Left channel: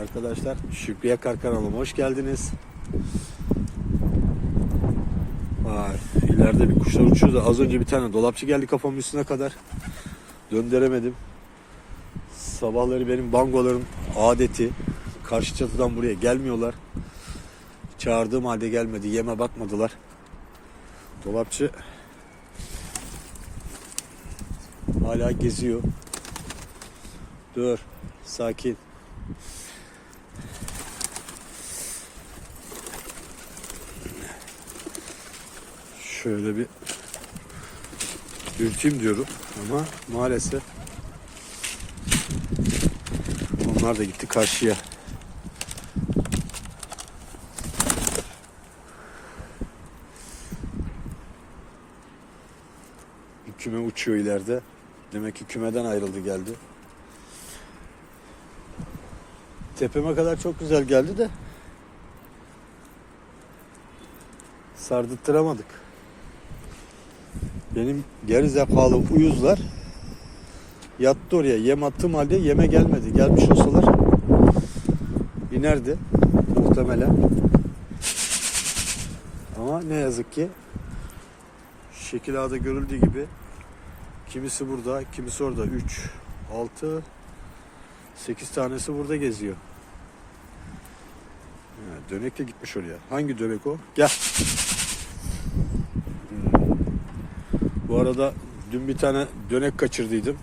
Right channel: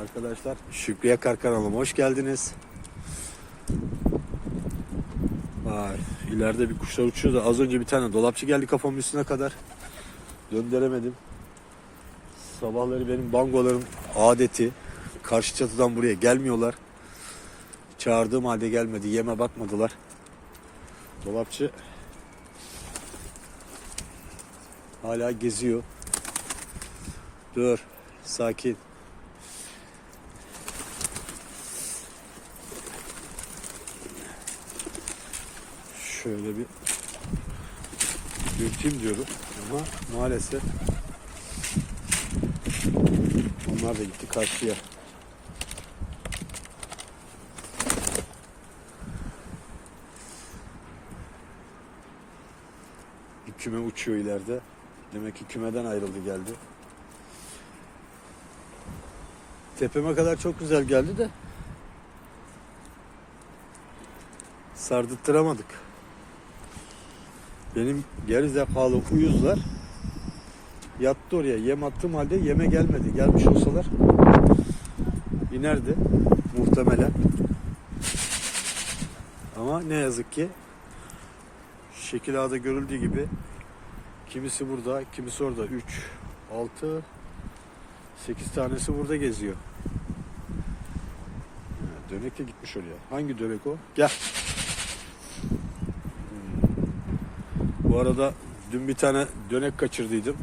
Arkadaşlar Şükrü Yakar kanalıma hoş geldiniz. Vay, ileride bir kuşlar uçuyor da az önce bir tane dolapçı geldi kafamın üstüne kadar. Döndüremedim. Sabahları benim bangoların adeti karşı çatıdan buraya gelmiyorlar. Çağırdığım halde gelmedi. Yeme bakmadılar. Dolapçı hala geziyor. Dur. Sakin. Şöyle bir ürkeyim diyorum ama maalesef onlar da gitti karşıya. Bir küme uçuyor ileride. Demek ki kümeden ayrıldı geldi. Tepeme kadar çok güzel geldi de sardırttıramadık. Benim geri zekalı uyuzlar yattı oraya. Yem attığım halde yeme gelmedi. Gelmiş olsalar inerdi muhtemelen. Ama ne yazık ki şekil ağda görüldüğü gibi kimisi burada, kimisi orada. 3, 6, 8 tanesi burada geziyor. Ha, Dönek de gitmiş oraya. Hangi dönek o? Gel. Bu arada dün bir tane dönek kaçırdıydım.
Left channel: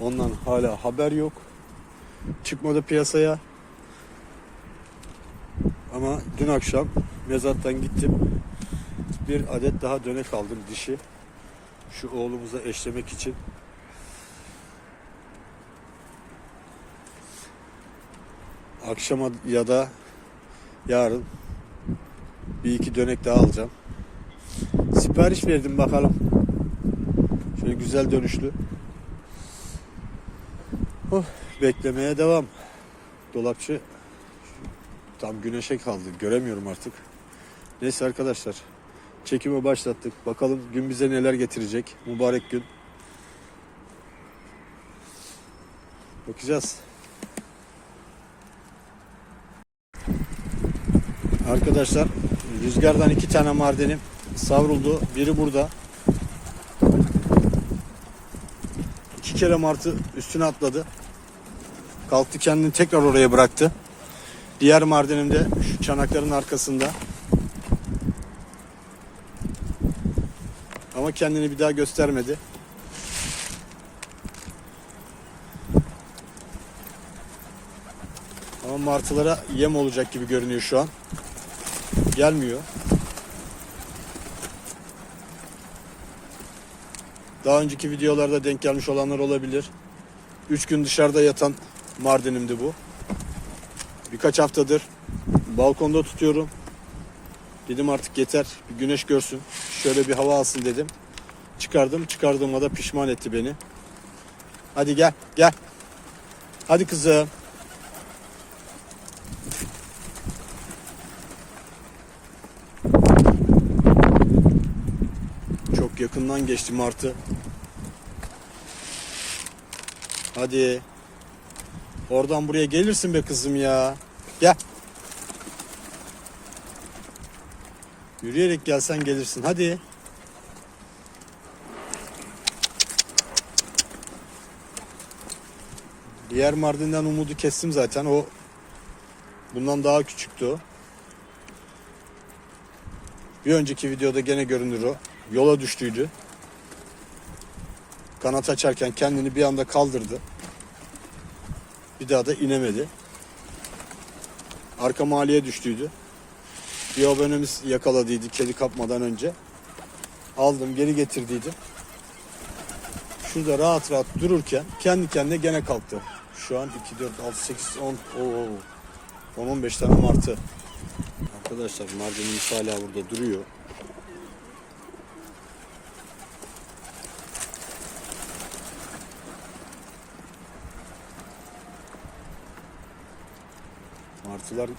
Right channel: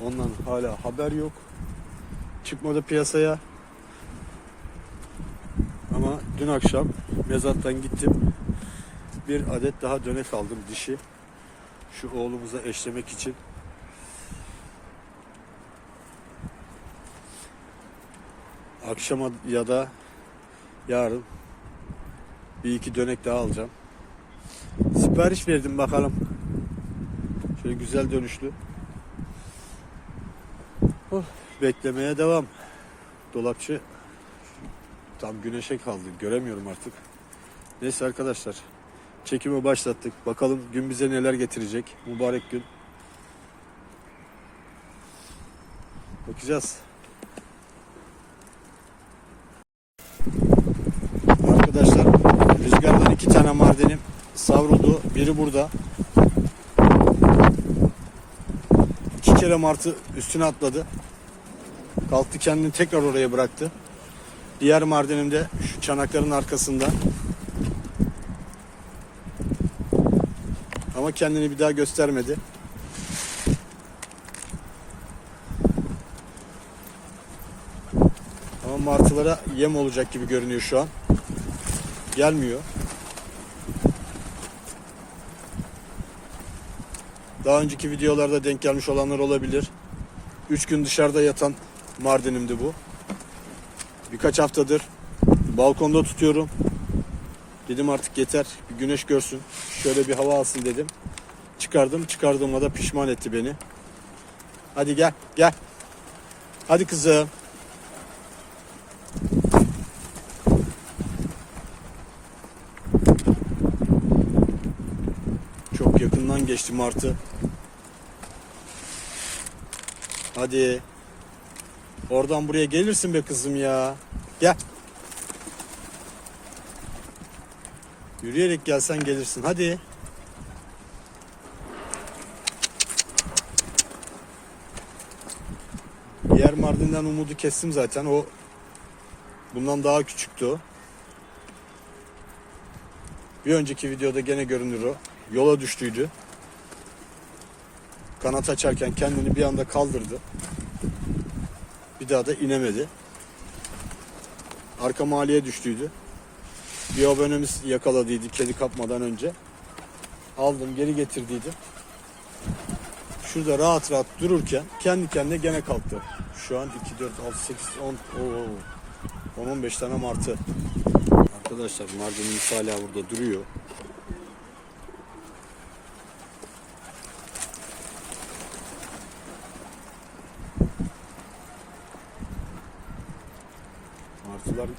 Ondan hala haber yok. Çıkmadı piyasaya. Ama dün akşam mezattan gittim. Bir adet daha dönek aldım dişi. Şu oğlumuza eşlemek için. Akşama ya da yarın bir iki dönek daha alacağım. Sipariş verdim bakalım. Şöyle güzel dönüşlü. Oh, beklemeye devam. Dolapçı tam güneşe kaldı. Göremiyorum artık. Neyse arkadaşlar. Çekimi başlattık. Bakalım gün bize neler getirecek. Mübarek gün. Bakacağız. Arkadaşlar rüzgardan iki tane mardinim savruldu. Biri burada. İki kere martı üstüne atladı. Kalktı kendini tekrar oraya bıraktı. Diğer mardinim de şu çanakların arkasında. Ama kendini bir daha göstermedi. Ama martılara yem olacak gibi görünüyor şu an. Gelmiyor. Daha önceki videolarda denk gelmiş olanlar olabilir. 3 gün dışarıda yatan Mardin'imdi bu. Birkaç haftadır balkonda tutuyorum. Dedim artık yeter bir güneş görsün. Şöyle bir hava alsın dedim. Çıkardım. Çıkardığıma da pişman etti beni. Hadi gel gel. Hadi kızım. Çok yakından geçti martı. Hadi. Oradan buraya gelirsin be kızım ya. Gel. Yürüyerek gelsen gelirsin. Hadi. Diğer Mardin'den umudu kestim zaten. O bundan daha küçüktü. Bir önceki videoda gene görünür o. Yola düştüydü. Kanat açarken kendini bir anda kaldırdı. Bir daha da inemedi. Arka mahalleye düştüydü. Bir abonemiz yakaladıydı kedi kapmadan önce. Aldım geri getirdiydim. Şurada rahat rahat dururken kendi kendine gene kalktı. Şu an 2, 4, 6, 8, 10, 10-15 tane martı. Arkadaşlar Mardin'imiz hala burada duruyor. Martılar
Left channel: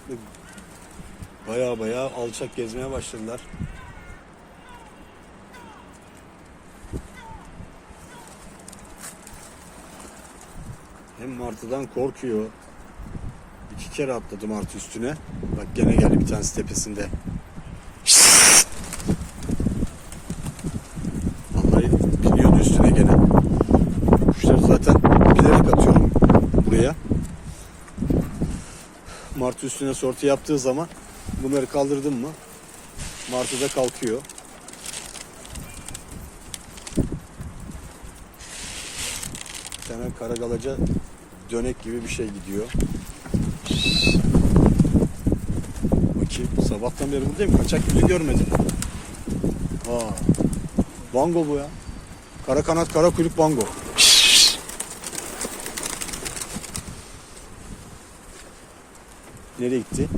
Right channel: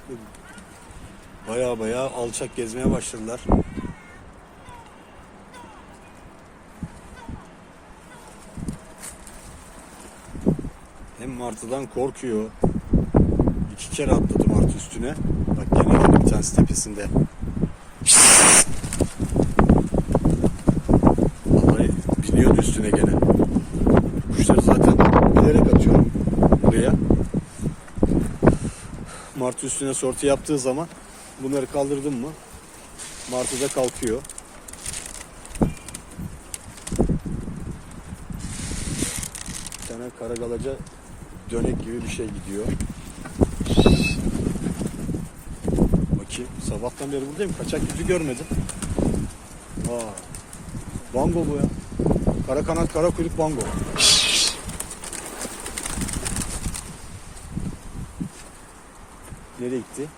baya baya alçak gezmeye başladılar. Hem martıdan korkuyor İki kere atladım artı üstüne. Bak gene geldi bir tanesi tepesinde. Vallahi biniyordu üstüne gene. Kuşları zaten bilerek atıyorum buraya. Martı üstüne sortu yaptığı zaman bunları kaldırdım mı Martı da kalkıyor. Bir tane karagalaca dönek gibi bir şey gidiyor. Bakayım. Sabahtan beri buradayım. Kaçak gibi görmedim. Aa. Bango bu ya. Kara kanat kara kuyruk bango. Nereye gitti?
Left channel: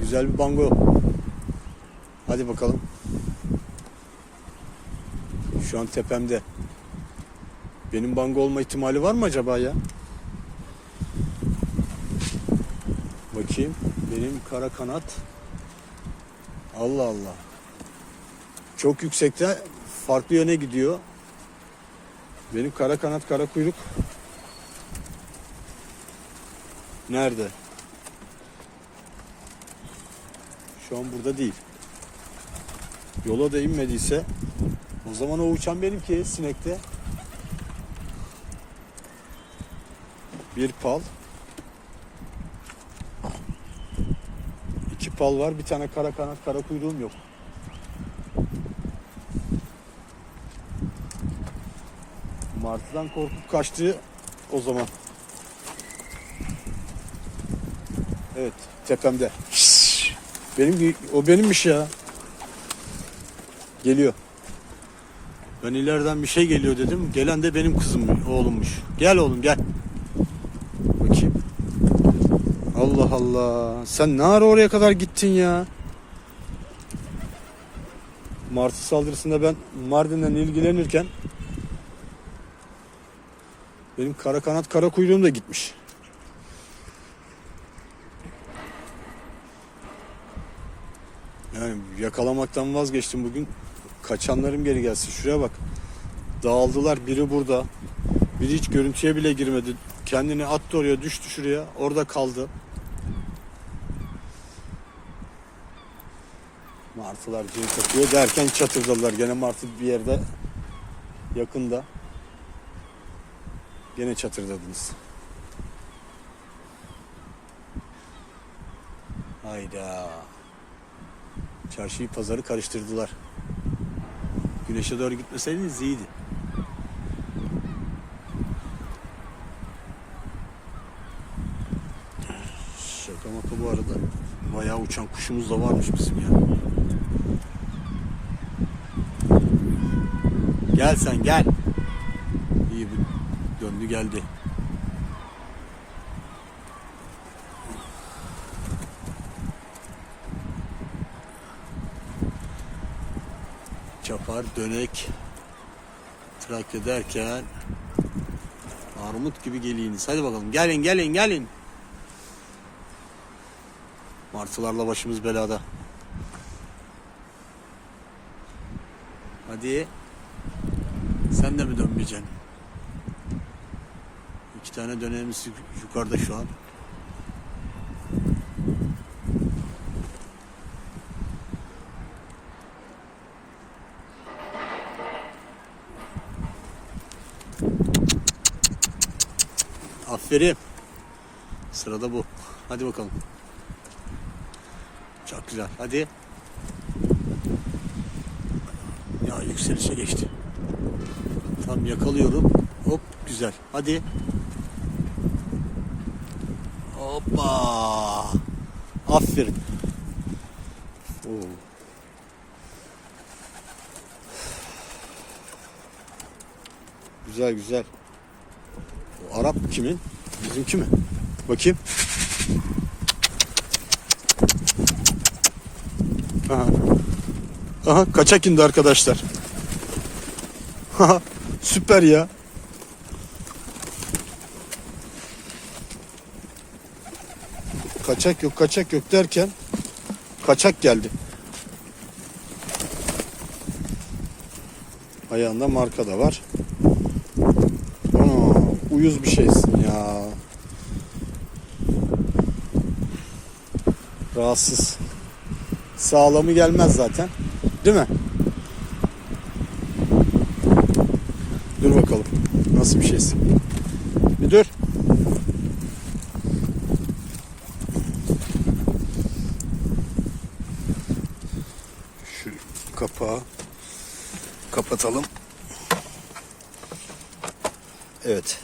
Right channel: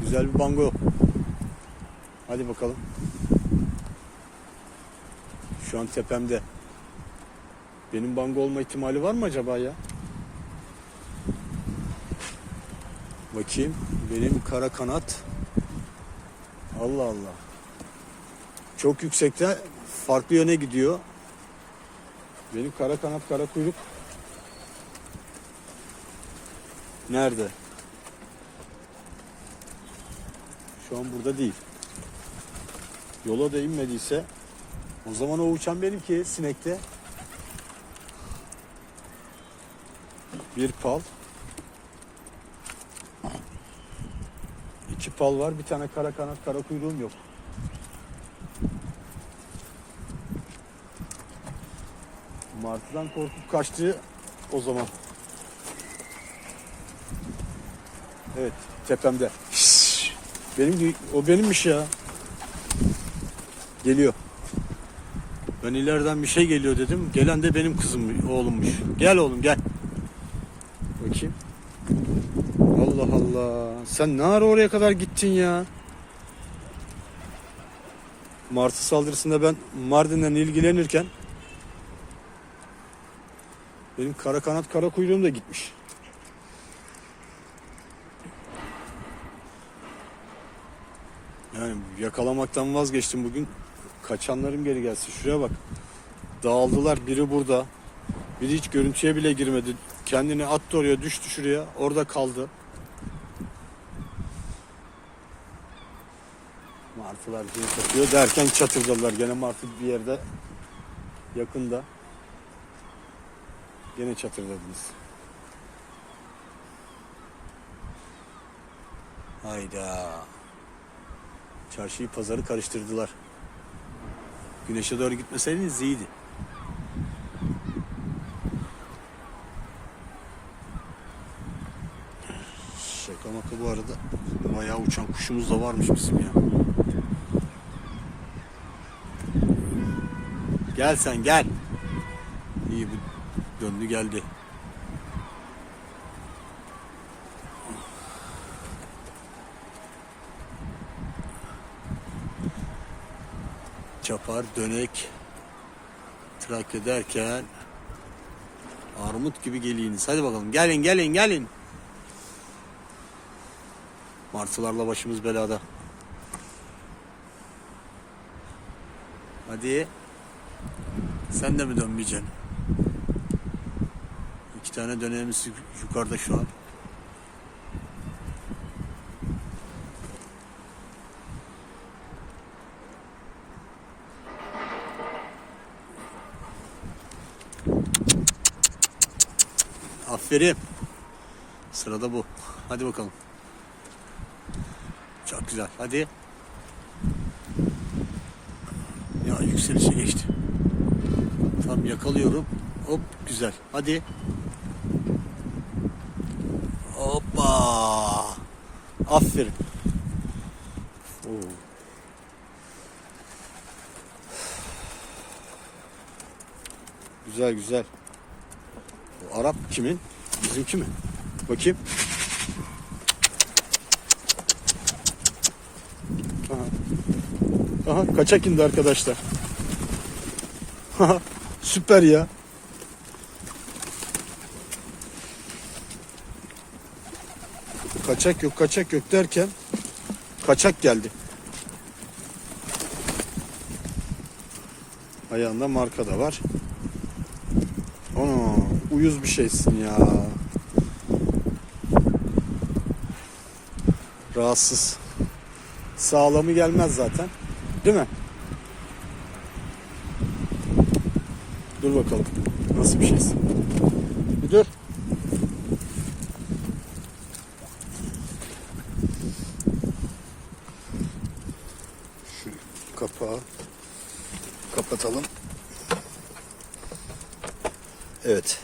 Güzel bir bango. Hadi bakalım. Şu an tepemde. Benim bango olma ihtimali var mı acaba ya? Bakayım. Benim kara kanat. Allah Allah. Çok yüksekte farklı yöne gidiyor. Benim kara kanat kara kuyruk. Nerede? Şu an burada değil. Yola da inmediyse o zaman o uçan benimki sinekte. Bir pal. İki pal var. Bir tane kara kanat kara kuyruğum yok. Martıdan korkup kaçtı o zaman. Evet tepemde. Benim o benimmiş ya. Geliyor. Ben ileriden bir şey geliyor dedim. Gelen de benim kızım, oğlummuş. Gel oğlum gel. Bakayım. Allah Allah. Sen ne ara oraya kadar gittin ya? Martı saldırısında ben Mardin'den ilgilenirken benim kara kanat kara kuyruğum da gitmiş. Yani yakalamaktan vazgeçtim bugün. Kaçanlarım geri gelsin. Şuraya bak. Dağıldılar. Biri burada. Biri hiç görüntüye bile girmedi. Kendini attı oraya, düştü şuraya. Orada kaldı. Martılar cin katıyor derken çatırdadılar. Gene martı bir yerde yakında. Gene çatırdadınız. Hayda. Çarşıyı pazarı karıştırdılar. Güneşe doğru gitmeseydiniz iyiydi. Şaka maka bu arada bayağı uçan kuşumuz da varmış bizim ya. Gel sen gel. İyi bu döndü geldi. Çapar, dönek, Trakya derken armut gibi geliyiniz. Hadi bakalım gelin gelin gelin. Martılarla başımız belada. Hadi. Sen de mi dönmeyeceksin? İki tane dönemimiz yukarıda şu an. Aferin. Sırada bu. Hadi bakalım. Çok güzel. Hadi. Ya yükselişe geçti. Tam yakalıyorum. Hop güzel. Hadi. Hoppa. Aferin. Oo. Güzel güzel. O Arap kimin? Bizimki mi? Bakayım. Aha. Aha kaçak indi arkadaşlar. Süper ya. Kaçak yok kaçak yok derken kaçak geldi. Ayağında marka da var. Ana uyuz bir şeysin ya. Rahatsız. Sağlamı gelmez zaten. Değil mi? Dur bakalım. Nasıl bir şeysin? Bir dur. Şu kapağı kapatalım. Evet.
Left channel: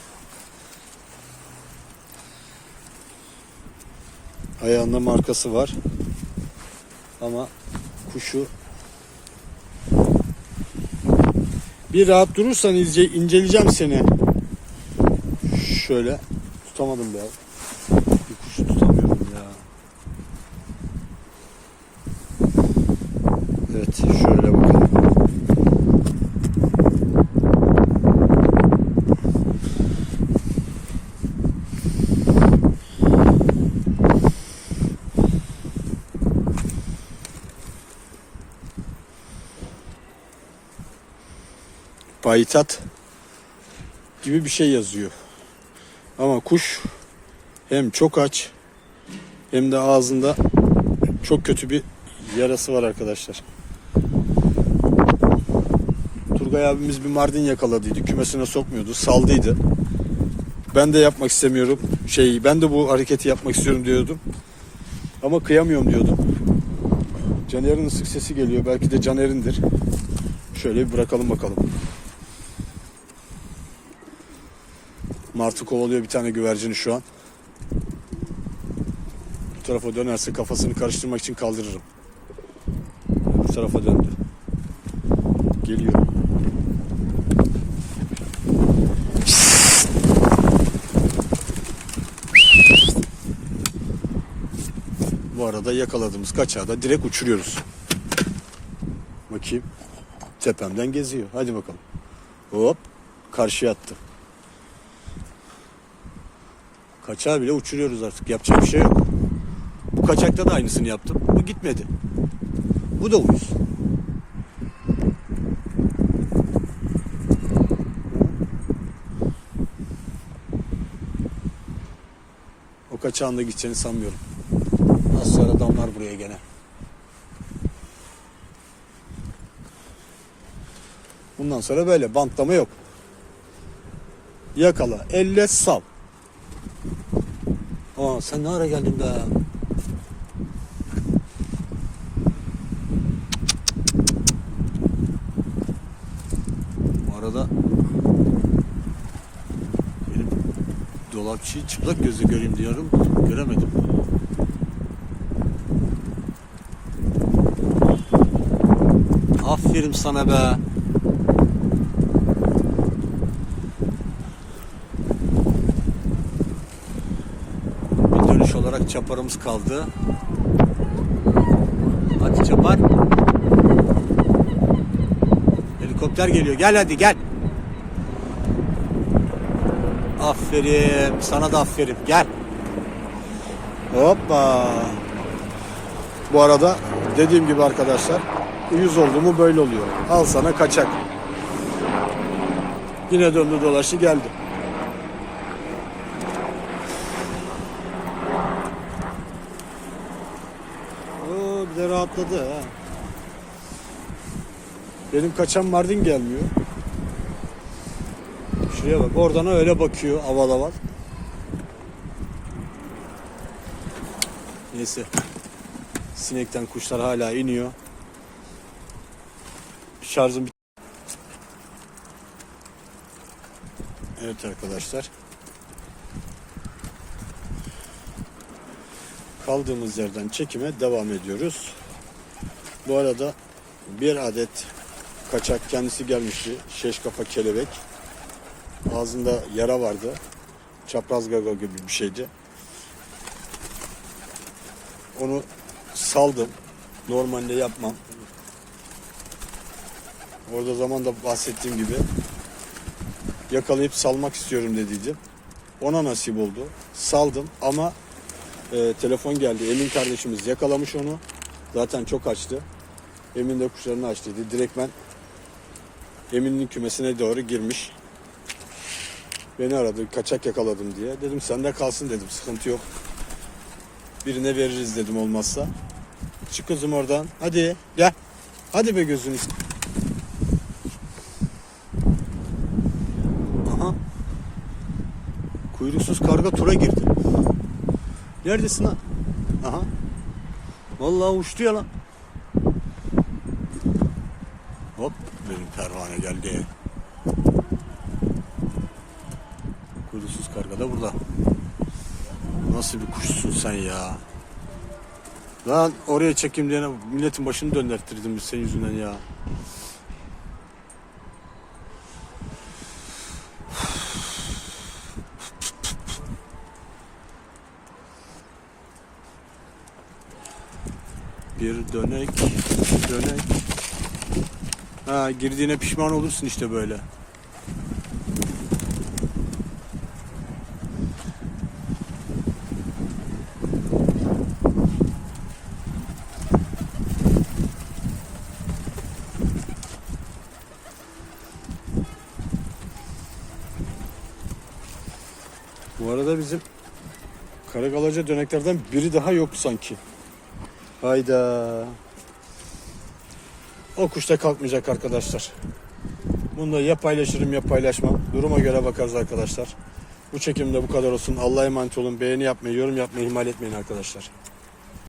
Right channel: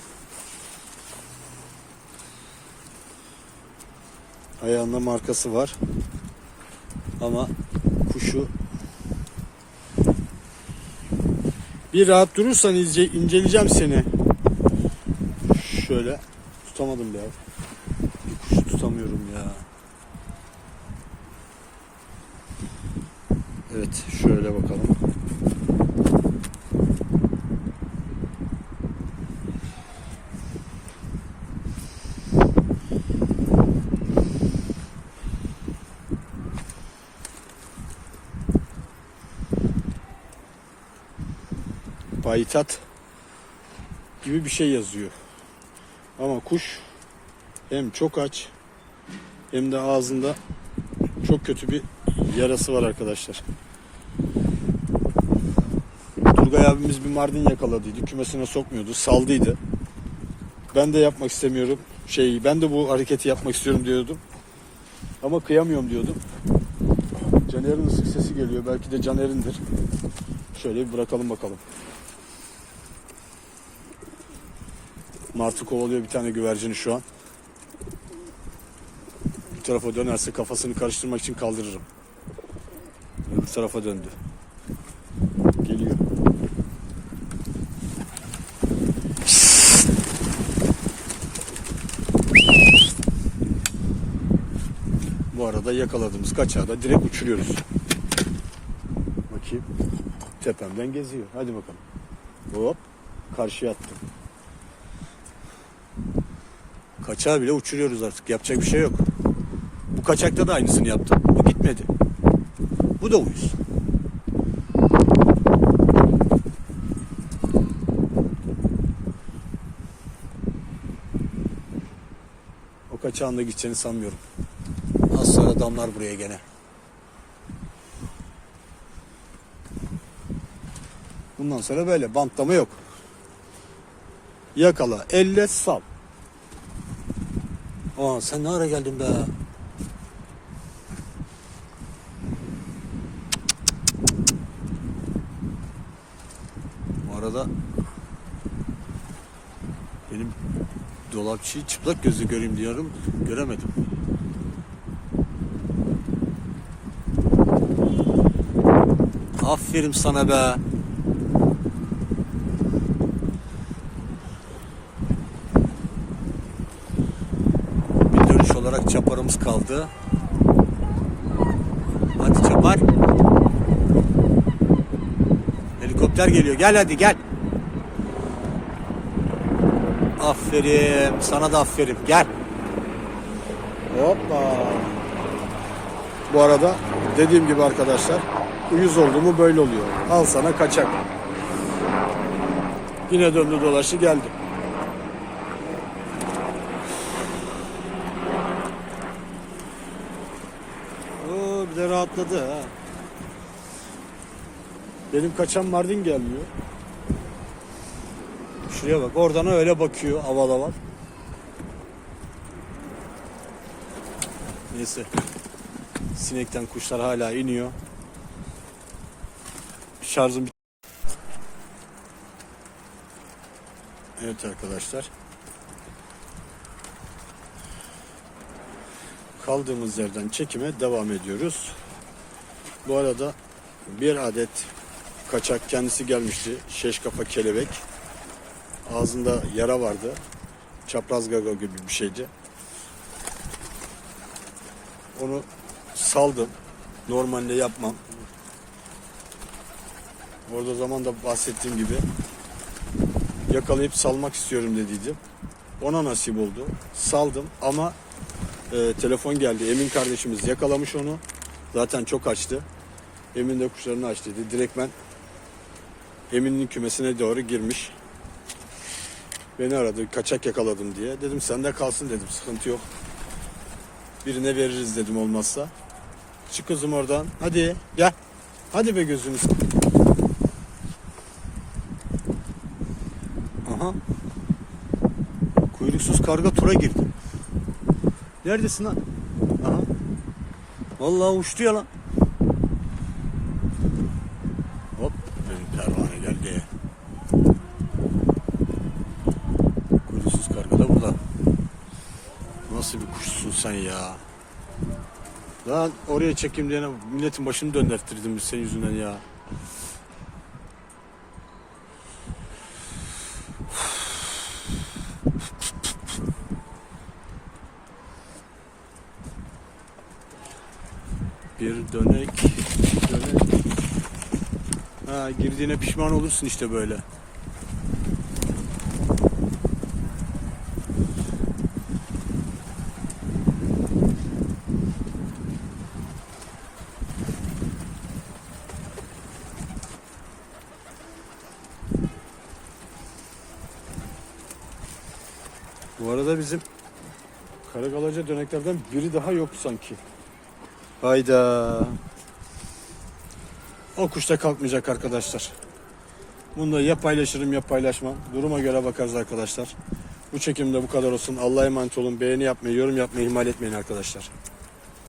Ayağında markası var. Ama kuşu bir rahat durursan ince, inceleyeceğim seni. Şöyle tutamadım ya. Bir kuşu tutamıyorum ya. Evet şöyle bakalım. Payitaht gibi bir şey yazıyor. Ama kuş hem çok aç hem de ağzında çok kötü bir yarası var arkadaşlar. Turgay abimiz bir mardin yakaladıydı. Kümesine sokmuyordu. Saldıydı. Ben de yapmak istemiyorum. Şey ben de bu hareketi yapmak istiyorum diyordum. Ama kıyamıyorum diyordum. Caner'in ısık sesi geliyor. Belki de Caner'indir. Şöyle bir bırakalım bakalım. Martı kovalıyor bir tane güvercini şu an. Bu tarafa dönerse kafasını karıştırmak için kaldırırım. Bu tarafa döndü. Geliyor. Bu arada yakaladığımız kaçağı da direkt uçuruyoruz. Bakayım. Tepemden geziyor. Hadi bakalım. Hop. Karşıya attım. Kaçağı bile uçuruyoruz artık. Yapacak bir şey yok. Bu kaçakta da aynısını yaptım. Bu gitmedi. Bu da uyuz. O kaçağın da gideceğini sanmıyorum. Az sonra damlar buraya gene. Bundan sonra böyle bantlama yok. Yakala, elle sal. Aa sen ne ara geldin be? Bu arada benim dolapçıyı çıplak gözle göreyim diyorum. Göremedim. Aferin sana be. Çaparımız kaldı. Hadi çapar. Helikopter geliyor. Gel hadi gel. Aferin. Sana da aferin. Gel. Hoppa. Bu arada dediğim gibi arkadaşlar uyuz oldu mu böyle oluyor. Al sana kaçak. Yine döndü dolaştı geldi. Oo bir de rahatladı ha. Benim kaçan Mardin gelmiyor. Şuraya bak oradan öyle bakıyor aval aval. Neyse. Sinekten kuşlar hala iniyor. Şarjım bit- Evet arkadaşlar. Kaldığımız yerden çekime devam ediyoruz. Bu arada bir adet kaçak kendisi gelmişti. Şeş kafa kelebek. Ağzında yara vardı. Çapraz gaga gibi bir şeydi. Onu saldım. Normalde yapmam. Orada zaman da bahsettiğim gibi yakalayıp salmak istiyorum dediydim. Ona nasip oldu. Saldım ama e, telefon geldi. Emin kardeşimiz yakalamış onu. Zaten çok açtı. Emin de kuşlarını aç dedi. Direkt ben Emin'in kümesine doğru girmiş. Beni aradı. Kaçak yakaladım diye. Dedim sende kalsın dedim. Sıkıntı yok. Birine veririz dedim olmazsa. Çık kızım oradan. Hadi gel. Hadi be gözünüz. Aha. Kuyruksuz karga tura girdi. Neredesin lan? Aha. Vallahi uçtu ya lan. Hop benim pervane geldi. Kuyruksuz karga da burada. Nasıl bir kuşsun sen ya? Lan oraya çekeyim diye milletin başını döndürttürdüm biz senin yüzünden ya. Bir dönek, dönek. Ha girdiğine pişman olursun işte böyle. Bu arada bizim Karagalaca döneklerden biri daha yoktu sanki. Hayda. O kuş da kalkmayacak arkadaşlar. Bunu da ya paylaşırım ya paylaşmam. Duruma göre bakarız arkadaşlar. Bu çekimde bu kadar olsun. Allah'a emanet olun. Beğeni yapmayı, yorum yapmayı ihmal etmeyin arkadaşlar.